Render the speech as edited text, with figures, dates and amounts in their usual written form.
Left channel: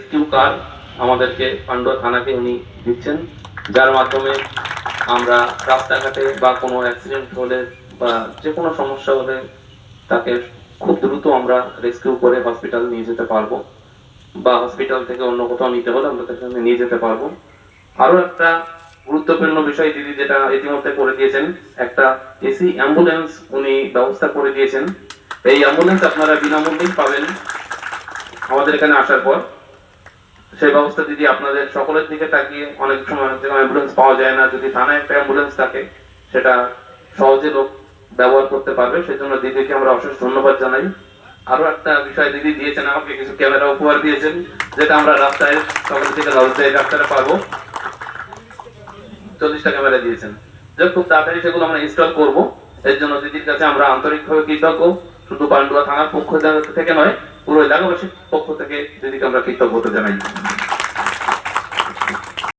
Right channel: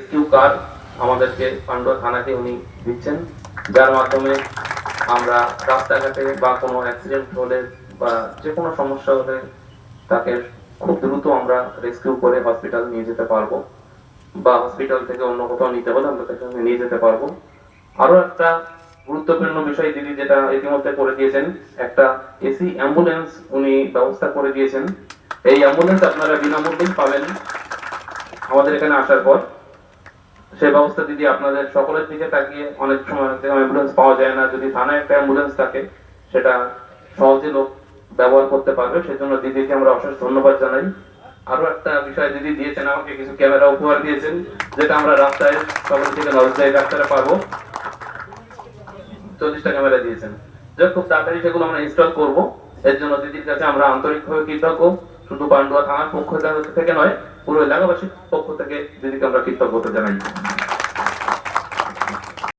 Rescue কার আমাদেরকে পান্ডুয়া থানাকে উনি দিচ্ছেন, যার মাধ্যমে আমরা রাস্তাঘাটে বা কোনো অ্যাক্সিডেন্ট হলে বা যে কোনো সমস্যা হলে তাকে খুব দ্রুত আমরা রেস্কিউ করে হসপিটাল নিয়ে যেতে পারবো, বা হসপিটাল থেকে অন্য কোথাও নিতে হলে আমরা তাকে নিয়ে যেতে পারবো। আরো একটা গুরুত্বপূর্ণ বিষয় দিদি যেটা ইতিমধ্যে করে দিয়েছেন, একটা এসি অ্যাম্বুলেন্স উনি ব্যবস্থা করে দিয়েছেন। এই অ্যাম্বুলেন্স আপনারা বিনামূল্যেই পাবেন আমাদের এখানে আসার পর। সেই ব্যবস্থা দিদি আপনাদের সকলের দিকে তাকিয়ে, অনেক সময় অ্যাম্বুলেন্স পাওয়া যায় না, যদি থানায় একটা অ্যাম্বুলেন্স থাকে সেটা সহজে লোক ব্যবহার করতে পারবে, সেজন্য দিদিকে আমরা অশেষ ধন্যবাদ জানাই। আরো একটা বিষয় দিদি দিয়েছেন, আমাকে কিছু ক্যামেরা উপহার দিয়েছেন, যেটা আমরা রাস্তায় সকল থেকে নজরদারি রাস্তায় পাবো। 40টা ক্যামেরা দিয়েছেন, যে খুব তাড়াতাড়ি সেগুলো আমরা ইনস্টল করব। এর জন্য দিদির কাছে আমরা আন্তরিকভাবে কৃতজ্ঞ, শুধু পান্ডুয়া থানার পক্ষ থেকে নয়, পুরো এলাকাবাসীর পক্ষ থেকে দিদিকে আমরা কৃতজ্ঞতা জানাই।